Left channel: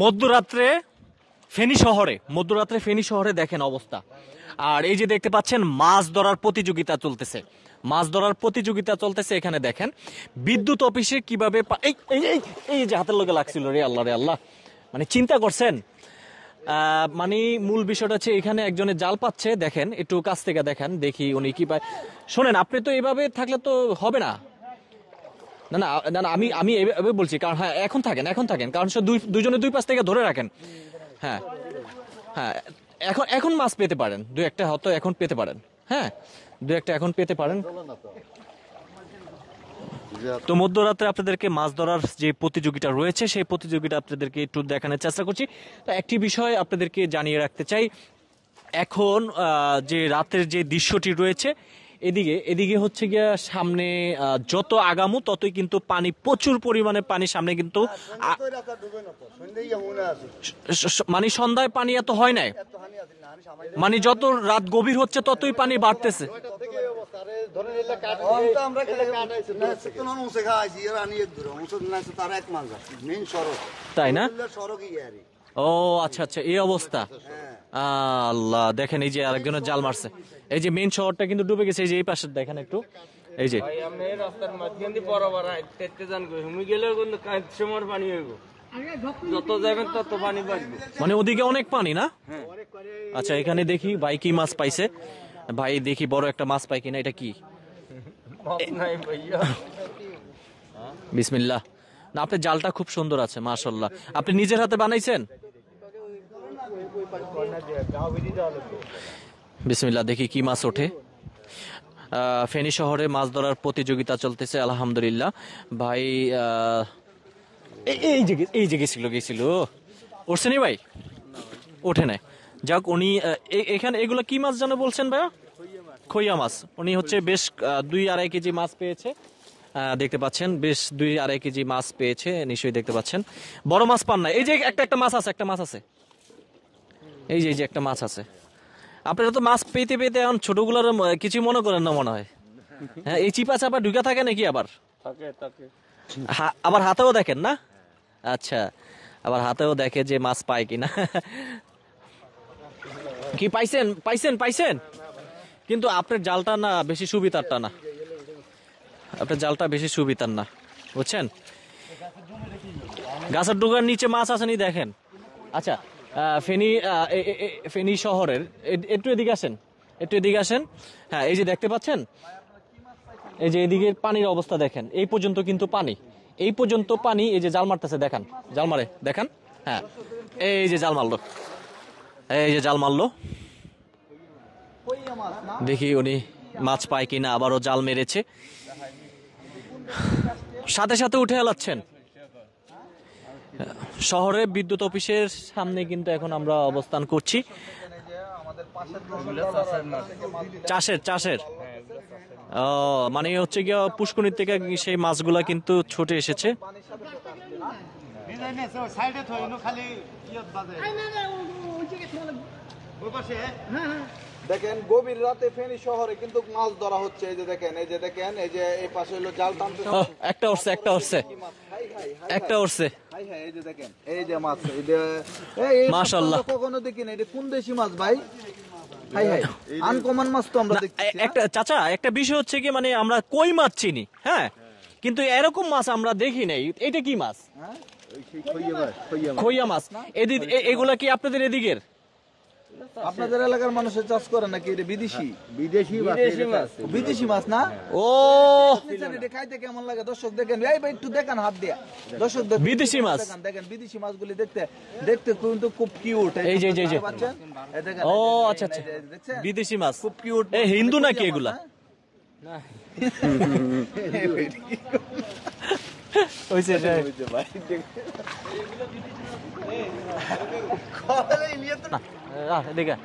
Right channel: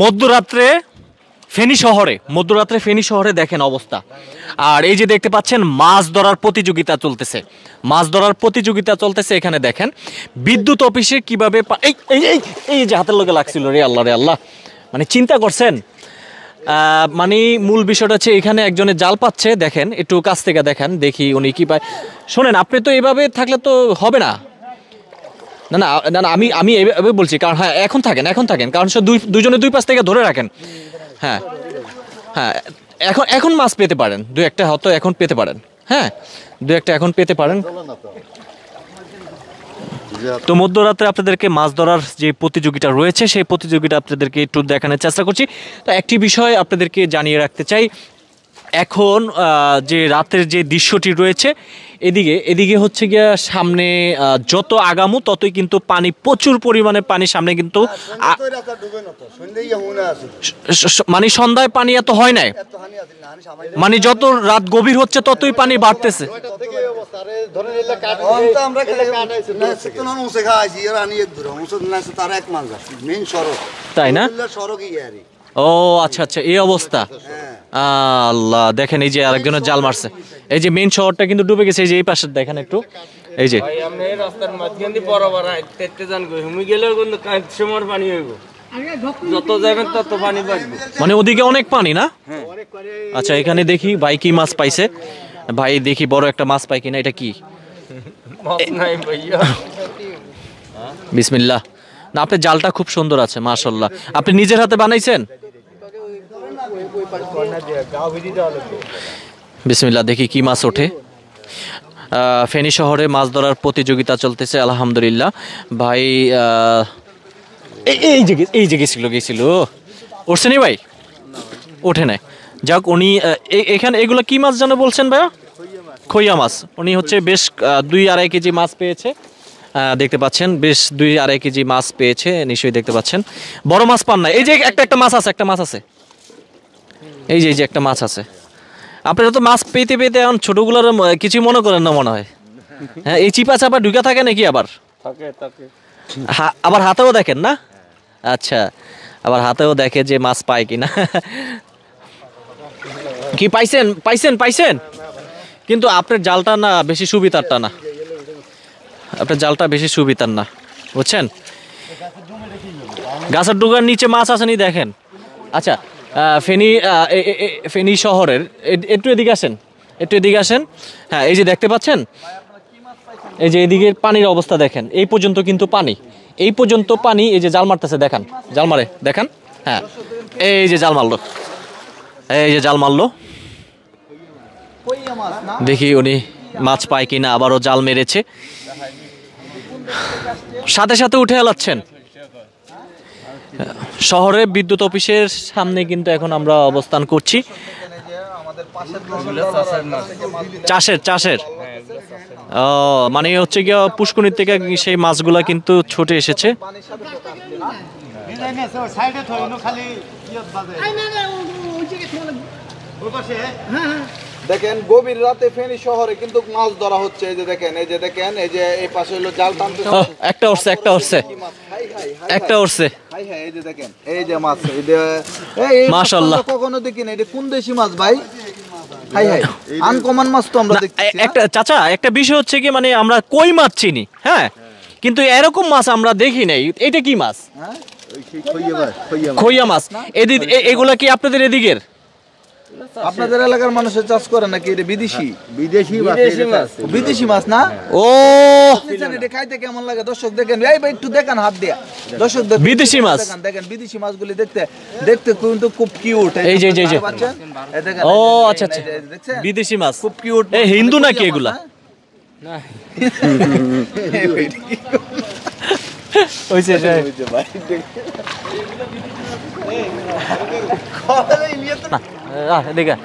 মধ্যরাত্রে ফেনী শহরে দেখেন অবস্থা। আর এই যে দেখতে পাচ্ছেন মাছ ধরার প্রতিযোগিতা চলতেছে এখানে দেখেন বিদ্যুৎ অফিসে কিভাবে এই এই এই এই যে হাতের লগে লাগছিল রে আল্লাহ, মানে চিন্তা করছেন। মানে মূল বিষয়টা হচ্ছে এখানে একজনের জাল পাচ্ছে, দেখেন একটু কাছ থেকে দেখেন, দেখি উনি কি পায়। শোনেন, আপনি তো এইভাবে থাকলে তো হবে না, না না না না, আমি এইভাবে বলছি, কারণ হ্যাঁ এখন থাকেন কারণ দুইজনে দুই পাশ থেকে ধরে রাখেন। হ্যাঁ হ্যাঁ, এখন মাছ পেতে পারেন, দু একটা হয়তো এখন পেতে পারেন। হ্যাঁ, দু একটা এখন পেতে পারেন। তো মধ্যরাত্রে আপনাদেরকে মাছ ধরার যে প্রতিযোগিতা রয়েছে সেই প্রতিযোগিতা আপনাদেরকে একটু দেখানোর চেষ্টা করছি। তো একটি বিষয় আপনাদেরকে জানিয়ে রাখতে চাই, এখন যে রাতের যে দৃশ্যটি রয়েছে এদিকে হচ্ছে গিয়া সামনে যত আগামো ততই কিন্তু পানি, প্রচুর পরিমাণে পানি সামনে, কিন্তু মানে সন্ধ্যায় পানি এত হয় নাই, মানে যত রাত গভীর হচ্ছে ততই পানি বাড়তেছে। তাই না? ও আচ্ছা আচ্ছা, এই অবস্থা। আল্লাহ, দেখেন এই যে আরেকজনের জাল মারছে, এই যে মেইন শহরটা কিন্তু ডুবে গেছে। এই যে এই পাশে দেখেন একটু, এই যে রাস্তার মাঝখান দিয়ে বরাবর আইতে যান গো, হুমি গেলেও কিন্তু সময় পানি হইব, যত যাবেন তত পানি বাড়বে, মানে ওদিকে অনেক পানি না? আচ্ছা, এখানে দেখি ভাই কি মাছ পাইছে, ভাই দেখি বড় একটা মাছ পাই কিনা। এটা কি? বিসমিল্লাহ। না, আপনার জালটা খুব সুন্দর আছে মাশাআল্লাহ। আপনি নিজের হাতে বানাইছেন? বিসমিল্লাহ, দেখি কি মাছ ওঠে। ফেনী শহরে মাছ ধরার প্রতিযোগিতা চলতেছে আলহামদুলিল্লাহ। ভাই এই যে গেছিল উঠছে নি ভাই? ওঠে নাই, যাক। উনি এখানে এগুলো কি মাছ যেন বলছেন ভাইয়া? খইয়া মাছ। উনি হচ্ছে বেশ 2-2.5 কেজি মাছ পেয়েছে, দেখতে পাচ্ছেন, বেশ 2-2.5 কেজি মাছ পেয়েছে নিশ্চয়ই, দেখতে পাচ্ছেন। বড় মাছ পান না? এই যে একটা মাছ আছে, এই যে একটা মাছ আছে। আপনারা তো মাছ পেতে এখন ছোটগুলোর কিছু মনে করেন না মনে হয়। হ্যাঁ, এই চিপা চাপা ঢুকা থাকে নাকি? আবার আবার হাতেও দেখেন না? আচ্ছা, আবার হাতেও দেখে যে মাছ পায় কিনা। কি পাইছেন? কিন্তু আপনার জালটা না বেশি সুবিধারটা না, আপনার জালটা বেশি সুবিধার না, বুঝছেন? গাছের ডুগার নিচে মাছ আসেনি দেখেন। আচ্ছা, ফেনী শহরের একটু এদিকে আসেন। হ্যাঁ, এই যে দেখতে পাচ্ছেন, এই যে এদিকে পানির অবস্থা দেখেন, এই পর্যন্ত কিন্তু পানি, এই যে জাল মারতেছে, দেখান, জাল মারে দেখান। হ্যাঁ, এই যে জাল মারলো, দেখি উনি মাছ পায় কিনা। আবারও জাল মেরেছে, সাথে উঠে এলাচ্ছেন। শহরে বিদ্যুৎ অফিসের সামনে কিন্তু এখন আমরা অবস্থান করছি। চাষের ও, মানে হচ্ছে গিয়ে পুষ্করিণীর থেকে সেই মাছগুলা কিন্তু ছুটে এসেছে। দেখেন গভীর রাতে ফেনী শহরে কিন্তু মাছ ধরা হচ্ছে। এই যে দেখেন এই যে এই পাশে হলো জাল টানতে, একটা উঠছে। এই যে দেখেন এই যে মাছ, মাশাআল্লাহ, কখনো দেখি না। এটা কোন দেশি মাছ ভাই? আনকমন মাছ তো আমরা দেখছি। একটা চাচা, একটা বিষয় হচ্ছে কি, মানে আমরা কই মাছ চিনি, হ্যাঁ, কিন্তু এরকম মাছ আমরা দেখি নাই। এটা কি মাছ? খইয়া মাছ। এগুলা কি আপনাদের এদিকের? আপনাদের এলাকার মানুষের চাষ করে নাকি? এটা বিদেশি মাছ না? ও, এটা খাইতে কেমন লাগে দর্শক দেখেন, এই ভাই একটু দেখেন হাত দিয়া, দর্শক বিদেশি মাছ দেখেন, বিদেশি মাছগুলি দেখতে কিন্তু খুব কিউট। এই যে ও আচ্ছা, বিদেশি মাছ খুব কিউট। এই হিন্দু নাকি এগুলা? দেখা